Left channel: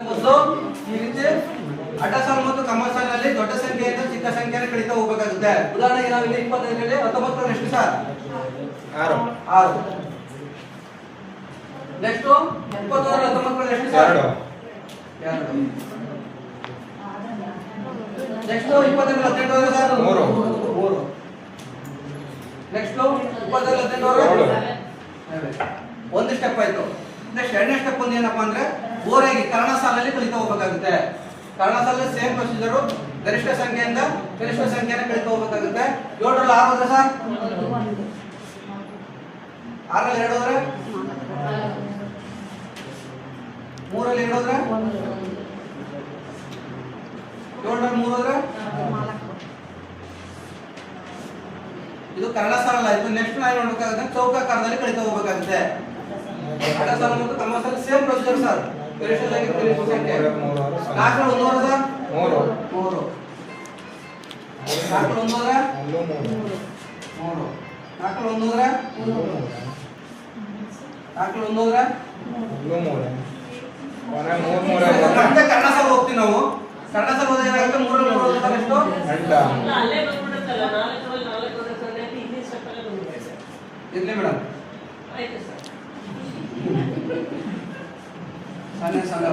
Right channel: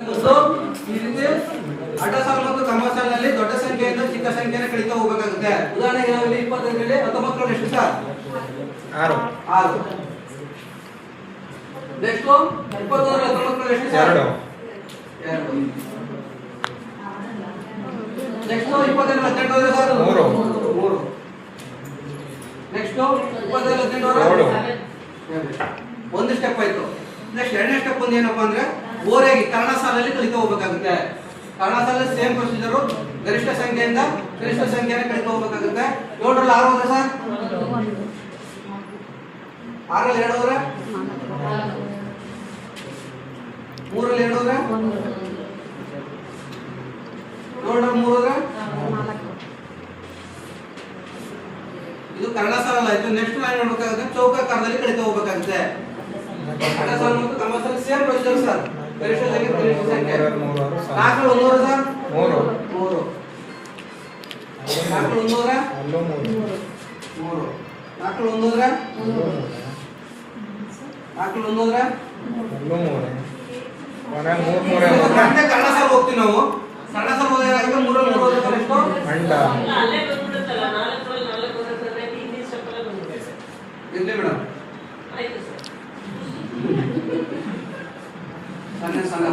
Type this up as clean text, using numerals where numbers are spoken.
ಈ ರೀತಿ ಅಡ್ಡ ಸಾಲು ಮತ್ತು ಕ್ರಮ ಸಾಲಿನಲ್ಲಿ ದೊಡ್ಡ ಸಂಖ್ಯೆಯಿಂದ ಚಿಕ್ಕ ಸಂಖ್ಯೆಯನ್ನು ಕಳೀತಾ ಹೋಗಬೇಕಾಗುತ್ತೆ. ಉದಾಹರಣೆಗೆ ನಾವು ಇಲ್ಲಿ 25 19 ಎಷ್ಟು ಸರ್? 6. ನೆಕ್ಸ್ಟ್ 23 19 ಎಷ್ಟು ಸರ್? 2. Next 22 18 sir? 3. ನೆಕ್ಸ್ಟ್ 22 18 ಒಂದು ಸ್ಟೆಪ್ ಆಯ್ತು. ನೆಕ್ಸ್ಟ್ ಎರಡನೇ ಸ್ಟೆಪ್ ಒಂದು ಏನಪ್ಪಾ ಅಂದ್ರೆ ಓರೆಯಾಗಿ ಕರ್ಣ ಸಾಲಲ್ಲಿ ಕಲಿತಾ ಹೋಗಬೇಕಾಗುತ್ತೆ. ಕರ್ಣ ಸಾಲಲ್ಲಿ ಸೇಮ್ ಪ್ರೊಸೀಜರ್, ಗರಿಷ್ಠ ಸಂಖ್ಯೆಯಿಂದ ಗರಿಷ್ಠ ಸಂಖ್ಯೆಯನ್ನು ಕಲಿತಾ ಹೋಗಬೇಕಾಗುತ್ತೆ. 7 ರಲ್ಲಿ 6 ಹೋದ್ರೆ ಸರ್? 6 ರಲ್ಲಿ 2 ಹೋದ್ರೆ? 3 ರಲ್ಲಿ 2 ಹೋದ್ರೆ? 7 ರಲ್ಲಿ 3 ಹೋದ್ರೆ? ಇದು ಕರ್ಣ ಸಾಲ ಆಯ್ತು. ನೆಕ್ಸ್ಟ್ ನಾವು ನೋಡಬೇಕಾಗುತ್ತೆ ಚೌಕಾಕಾರದಲ್ಲಿ ಕಲಿತಾ ಹೋಗಬೇಕಾಗುತ್ತೆ. ಅಡ್ಡ ಸಾಲು ಮತ್ತು ಕ್ರಮ ಸಾಲು ಸೇಮ್ ಪ್ರೊಸೀಜರ್ ಸರ್. ಗರಿಷ್ಠ ಸಂಖ್ಯೆ ಗರಿಷ್ಠ ಸಂಖ್ಯೆ 4 ರಲ್ಲಿ 1 ಹೋದ್ರೆ ಸರ್? 3. 4 ರಲ್ಲಿ 1 ಹೋದ್ರೆ? 3. 4 ರಲ್ಲಿ 1 ಹೋದ್ರೆ? 4 ರಲ್ಲಿ 1 ಹೋದ್ರೆ? 3. ಕರ್ಣ ಸಾಲು ಹೋಗ್ತೀವಿ ನಾವು. ಕರ್ಣ ಸಾಲು ಹೋದಾಗ 3 ರಲ್ಲಿ 3 ಹೋದ್ರೆ ಎಷ್ಟು? 8. ಅಲ್ಲೇ ಬಂದ್ಬಿಡುತ್ತಲ್ಲ 4 ರಲ್ಲಿ 4 ಹೋದ್ರೆ ಸರ್ ಇಲ್ಲಿ ಸ್ಟೆಪ್ ಅಲ್ಲಿ ಬಂದ್ಬಿಡುತ್ತೆ. ಇರ್ಲಿ ಮೇಡಮ್. ಆಯ್ತು ಸರ್. ಸಣ್ಣ